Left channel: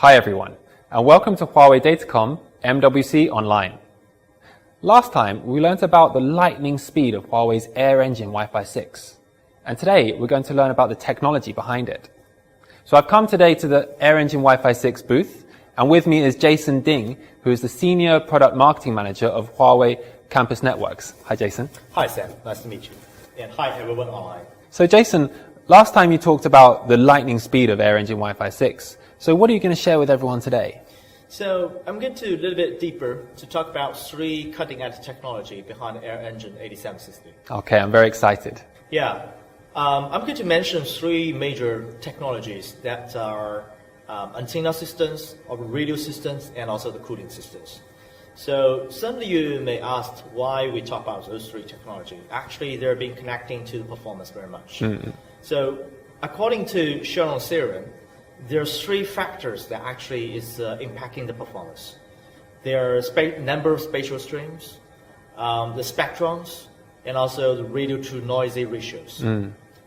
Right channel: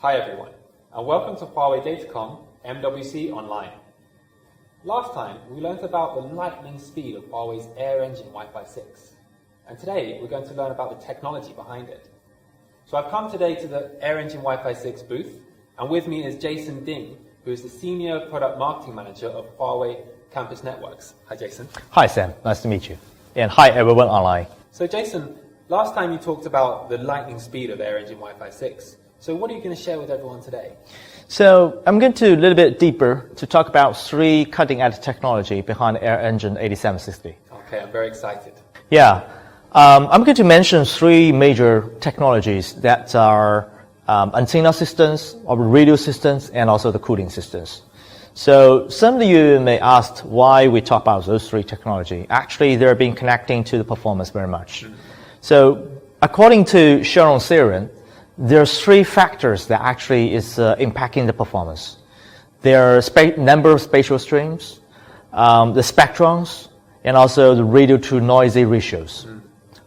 Hi everyone, and welcome to Huawei Datacom MWC Online. Last time, we learned about the lightning speed of Huawei's AirEngine Wi-Fi 6. And today, we're going to learn about the technology behind it. So I've come today to the AirEngine Wi-Fi 6 booth, and with me is Jason Ding, who is the Senior Product Marketing Manager of Huawei Campus Networks. Hi, Jason. Hi, Sam. Nice to meet you. And hi, everyone online. So, Jason, last time you talked about the lightning speed of AirEngine Wi-Fi 6. So what are you going to share with everyone today? So I'm going to a little bit deeper to talk about three cutting-edge technology behind AirEngine 8760. Okay, I'm very excited. Yeah. I'm going to mention three major technologies that are antenna systems, or radio systems, and also the cooling systems. So some of you may ask why we talk about those three technology. Actually, they're being connecting to the performance very much. So according to Sharon's theorem, there's three factors that actually is impacting the performance. There are number of spatial streams, the spectrums, and also the radio to noisy ratios.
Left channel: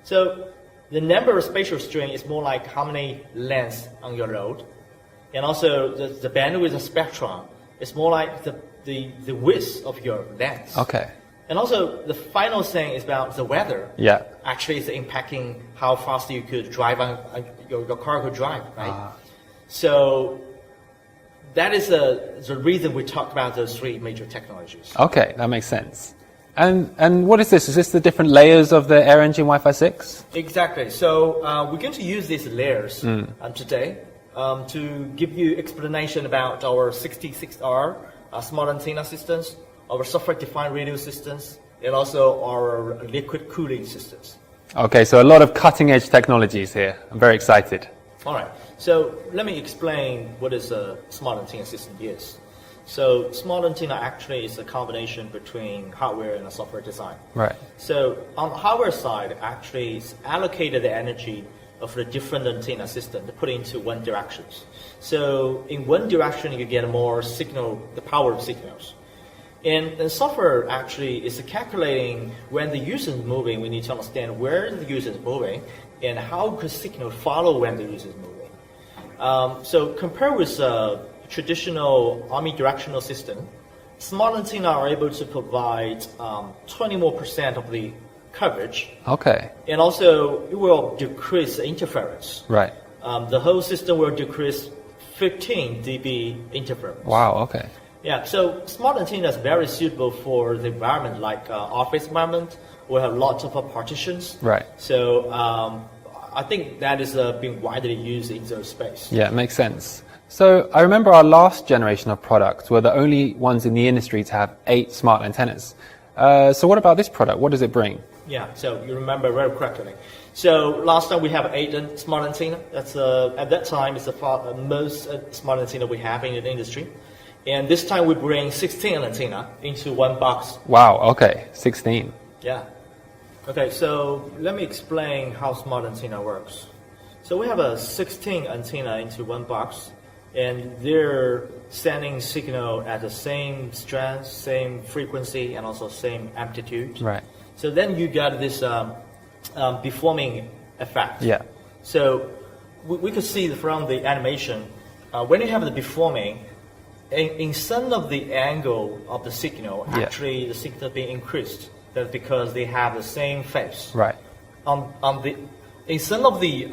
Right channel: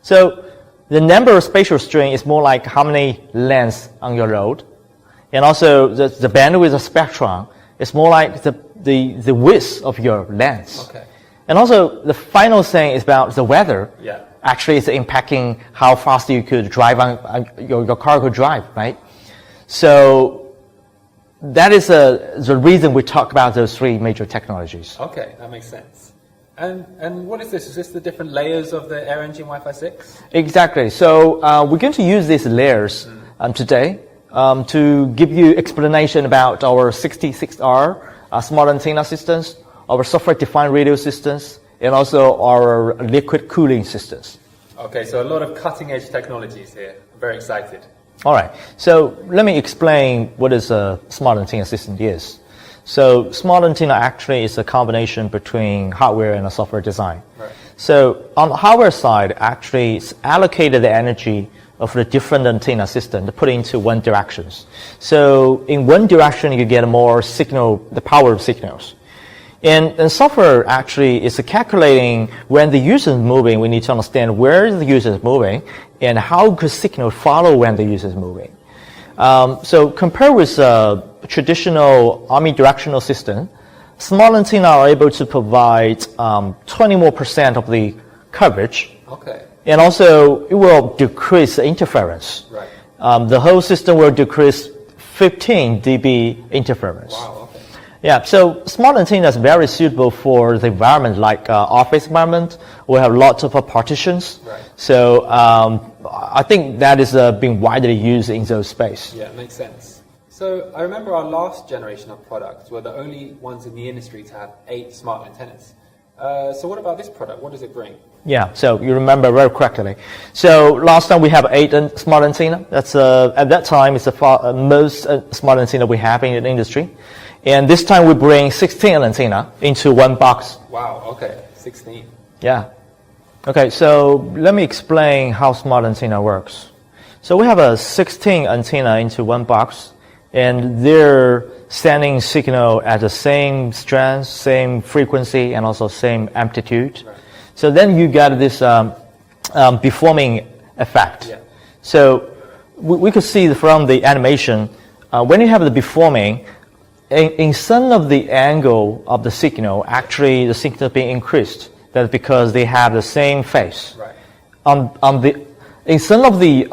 So the number of spatial stream is more like how many lengths on your road, and also the bandwidth of spectrum is more like the width of your lens. Okay. And also the final thing is about the weather. Yeah. Actually, it's impacting how fast you could drive your car could drive, right? So that is the reason we talk about those three major technologies. Okay, that makes sense. And what is this? Is this the different layers of the AirEngine Wi-Fi 6? Exactly. So we're going to use these layers today to give you explanation about our 66R smart antenna systems, our software-defined radio systems, and also our liquid cooling systems. Okay, so a lot of cutting-edge technologies here. I'm very excited. All right. So let me explain what is a smart antenna system is. So smart antenna actually is a combination between hardware and a software design. Right. So on the hardware side, actually it's allocated the energy of the different antenna system to put into one directions. So in one direction, you get more signal, the power of signals. And software actually is calculating when the user is moving. We need to understand where the user is moving and how could signal follow when the user is moving. So compared with traditional omnidirectional system, smart antenna are able to provide 20% more of the coverage. Okay. And also it will decrease the interference. Right. The whole system will decrease 15 dB interference. Wow, okay. Yeah, so smart antenna is very suitable for the environment like office environment. We have lots of partitions. Right. So I think that is being widely used in those space. Yeah, it makes sense. So I remember our last generation of products were the only ones in the industry to have 8 smart antennas. So what about this product? What does it bring? Yeah, so you remember very correctly. So last time we have 8 smart antenna. That's at that time it's the most smart antenna we have in the industry. And this time we bring 16 antenna into one box. Wow, okay, 16. Yeah. Okay, so let me explain how smart antenna works. So we have a 16 antenna into one box, and they're sending signal at the same strength, same frequency, and also same amplitude. Right. So then you get this beamforming effect. Yeah. So we could see from the animation, when you have the beamforming, in some of the angle of the signal, actually the signal being increased. That's because they have the same phase. Right. In some of the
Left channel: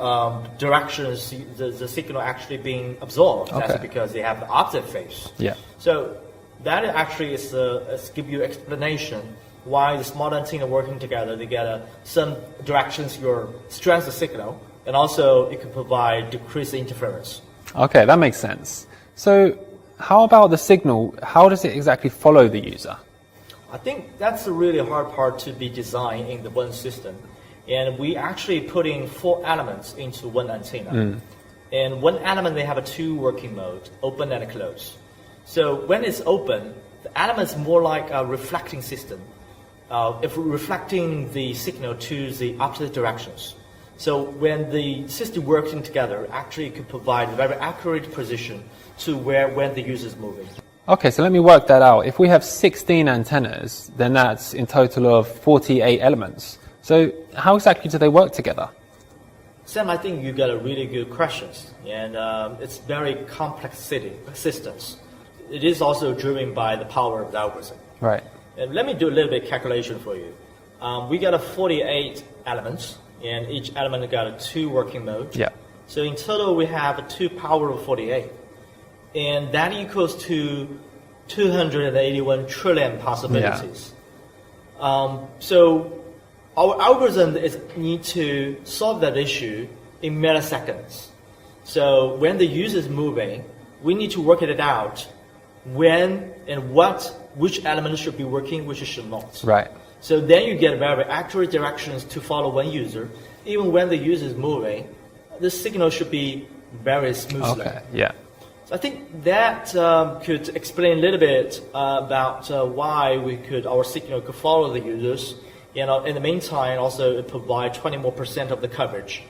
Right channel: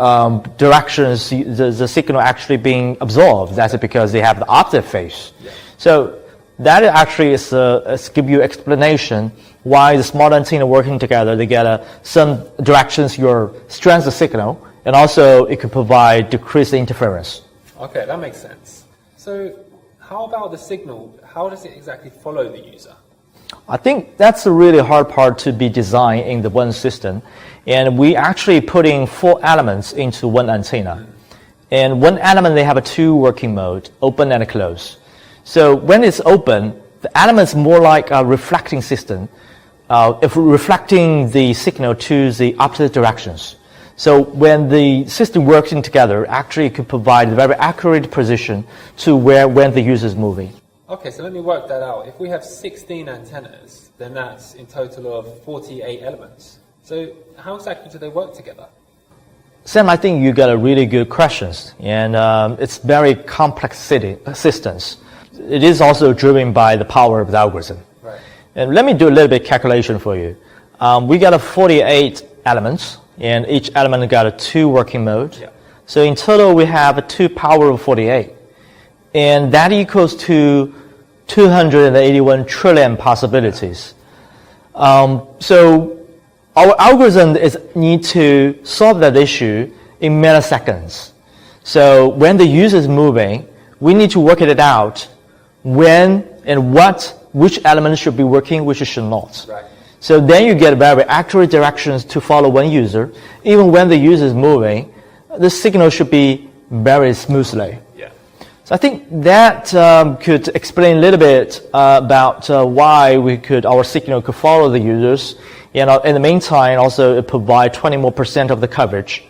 directions, the signal actually being absorbed. That's because they have the opposite phase. Yeah. So that actually is give you explanation why the smart antenna working together. They get some directions your strength of signal, and also it can provide decreased interference. Okay, that makes sense. So how about the signal? How does it exactly follow the user? I think that's a really hard part to be designed in the one system. And we actually putting 4 elements into one antenna. And one element, they have 2 working mode, open and close. So when it's open, the element's more like a reflecting system, if reflecting the signal to the opposite directions. So when the system working together, actually it could provide a very accurate position to when the user is moving. Okay, so let me work that out. If we have 16 antennas, then that's in total of 48 elements. So how exactly do they work together? Sam, I think you got a really good questions, and it's very complex systems. It is also driven by the power of the algorithm. Right. And let me do a little bit calculation for you. We got a 48 elements, and each element got a 2 working modes. Yeah. So in total, we have a 2 power of 48, and that equals to 281 trillion possibilities. So our algorithm need to solve that issue in milliseconds. So when the user is moving, we need to work it out when and which element should be working, which should not. Right. So then you get very accurate directions to follow one user. Even when the user is moving, the signal should be very smoothly. Okay. Yeah. So I think that could explain a little bit about why our signal could follow the users. In the meantime, also it provide 20% more of the coverage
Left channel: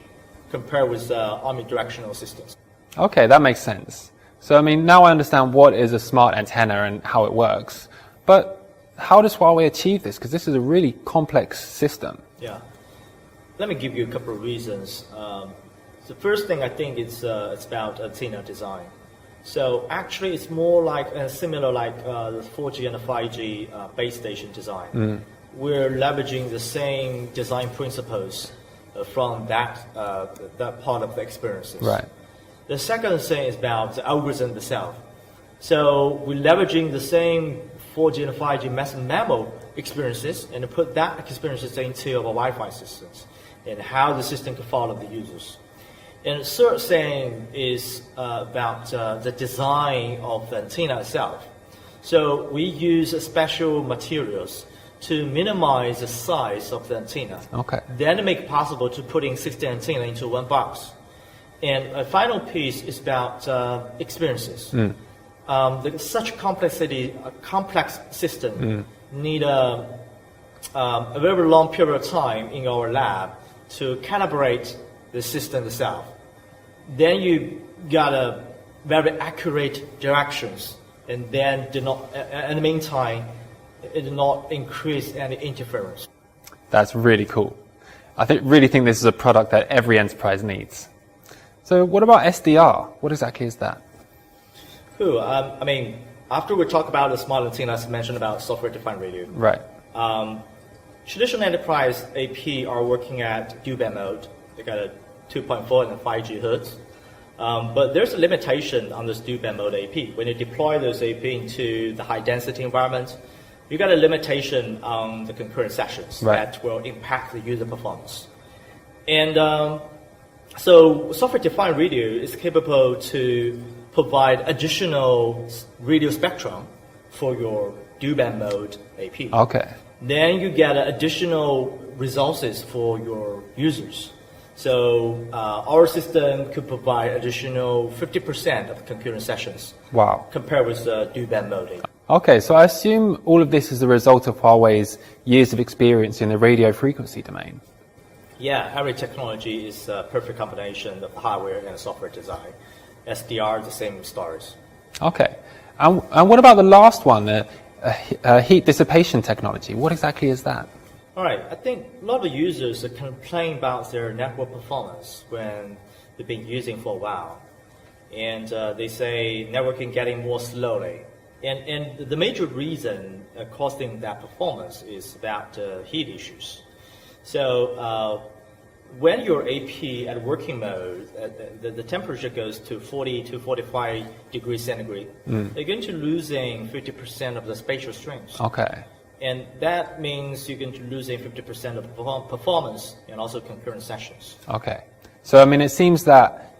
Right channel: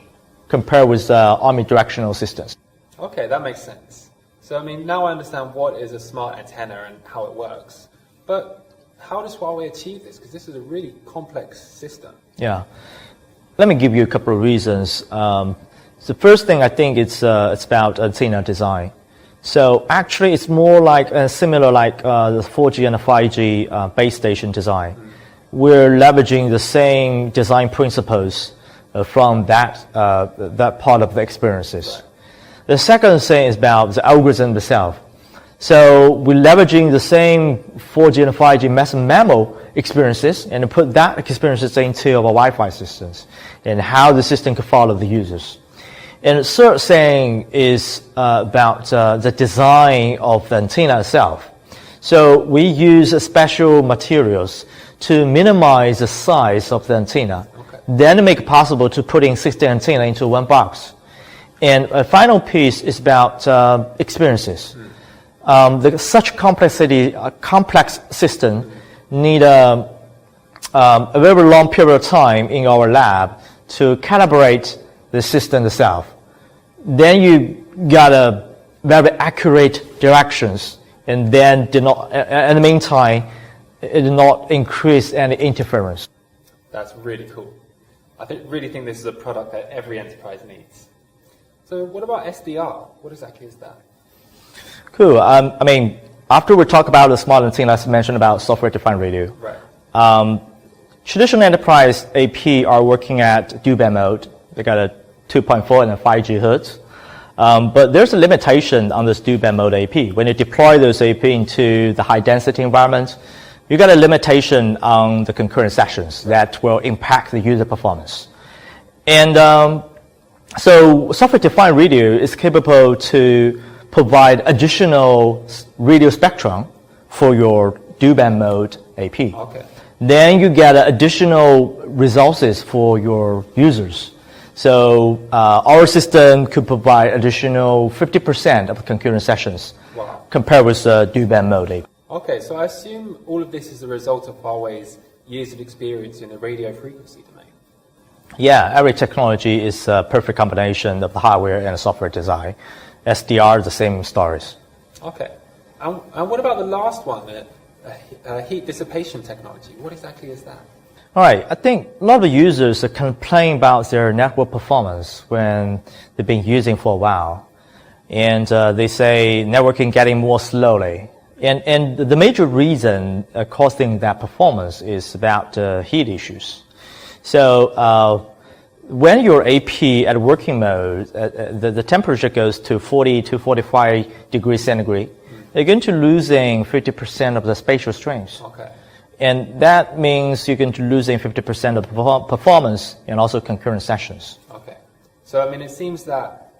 compared with omnidirectional systems. Okay, that makes sense. So, I mean, now I understand what is a smart antenna and how it works. But how does Huawei achieve this? Because this is a really complex system. Yeah. Let me give you a couple of reasons. The first thing I think it's about antenna design. So actually, it's more like similar like the 4G and the 5G base station design. We're leveraging the same design principles from that part of the experiences. Right. The second thing is about the algorithm itself. So we're leveraging the same 4G and 5G massive MIMO experiences and put that experiences into our Wi-Fi systems and how the system can follow the users. And the third thing is about the design of the antenna itself. So we use special materials to minimize the size of the antenna. Okay. Then make it possible to put in 60 antenna into one box. And a final piece is about experiences. Such complex system need a very long period of time in our lab to calibrate the system itself. Then you got a very accurate directions, and then in the meantime, it did not increase any interference. That's really cool. I really think this is a product that every enterprise needs. So what about SDR? What exactly is that? Cool. I mean, after we talk about the smart antenna, let's mention about software-defined radio. Right. Traditional enterprise AP are working at dual-band mode. They got a 2.4 and a 5G hertz. But there's a limitation on this dual-band mode AP. When you deploy those AP into the high-density environment, you got a limitation on the concurrent sessions that will impact the user performance. And so software-defined radio is capable to provide additional radio spectrum for your dual-band mode AP. Okay. Then you get additional resources for your users. So our system could provide additional 50% of concurrent sessions. Wow. Compared with dual-band mode AP. Okay, so I assume all of this is the result of Huawei's years of experience in the radio frequency domain. Yeah, every technology is a perfect combination of the hardware and the software design. SDR, the same stories. Okay. And what about the last one, the heat dissipation technology? What exactly is that? All right, I think a lot of users complain about their network performance when they've been using for a while. And they say networking getting more slowly. And the major reason causing that performance is about heat issues. So when your AP at working mode, the temperature goes to 40 to 45 degrees centigrade, you're going to losing 50% of the spatial strength. Okay. And that means you're going to losing 50% of performance and also concurrent sessions. Okay. So, I mean, it seems that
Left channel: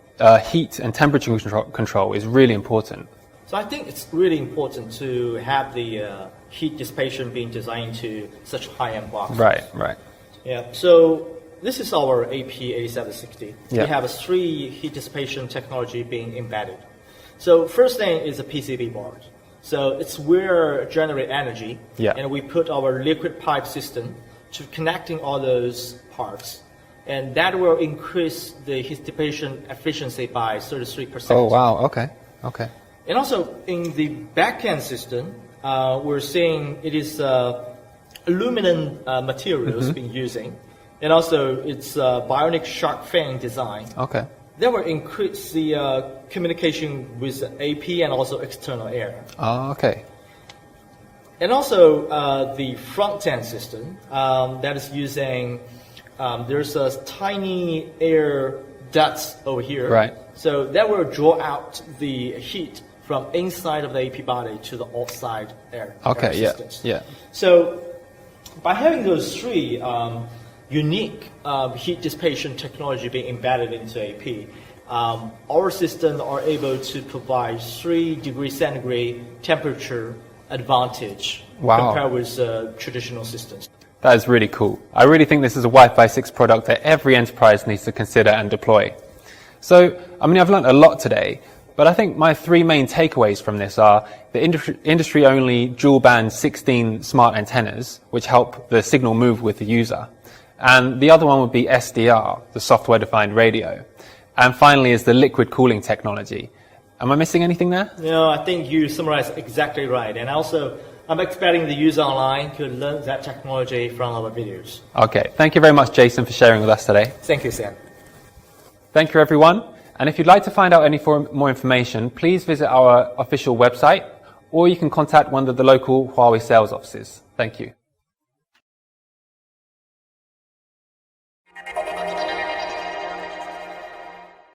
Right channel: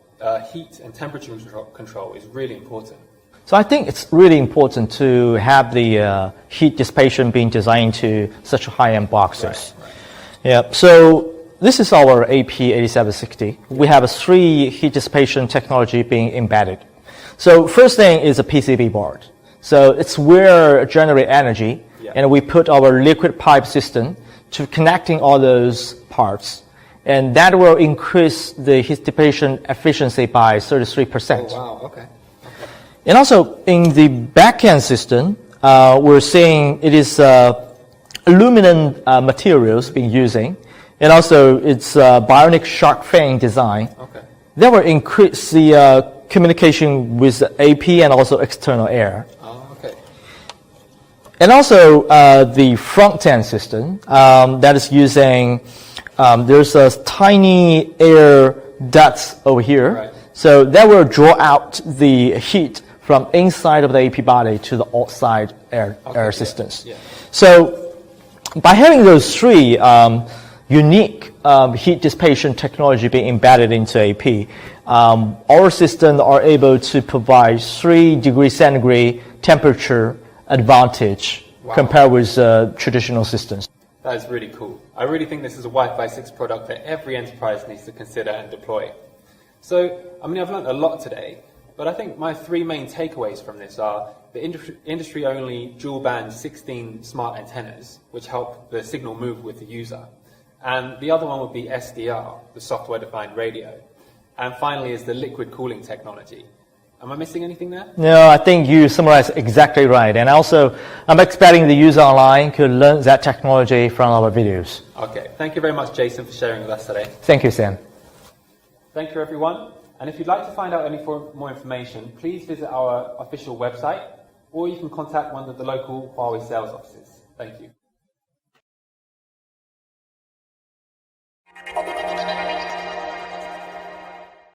heat and temperature control is really important. So I think it's really important to have the heat dissipation being designed to such high-end boxes. Right, right. Yeah, so this is our AP8760. Yeah. We have 3 heat dissipation technology being embedded. So first thing is a PCB board. So it's where generate energy, and we put our liquid pipe system to connecting all those parts. And that will increase the heat dissipation efficiency by 33%. Oh, wow, okay, okay. And also in the back-end system, we're seeing it is aluminum materials being using, and also its bionic shark fin design. Okay. That will increase the communication with the AP and also external air. Oh, okay. And also the front-end system that is using, there's a tiny air ducts over here. Right. So that will draw out the heat from inside of the AP body to the outside air systems. Yeah. So by having those three unique heat dissipation technology being embedded into AP, our systems are able to provide 3 degrees centigrade temperature advantage compared with traditional systems. That is really cool. I really think this is a Wi-Fi 6 product that every enterprise needs to consider and deploy. So, I mean, I've learned a lot today, but I think my 3 main takeaways from this are the industry-only dual-band 16 smart antennas, which help the signal move with the user. And the other one would be SDR, the software-defined radio. And finally is the liquid cooling technology. Am I missing anything there? No, I think you summarized exactly right. And also, I'm expecting the user online could learn that technology from our videos. Okay. Thank you very much, Jason, for sharing with us today. Thank you, Sam. Thank you, everyone. And if you'd like to find out any more information, please visit our official website, or you can contact one of the local Huawei sales offices. Thank you.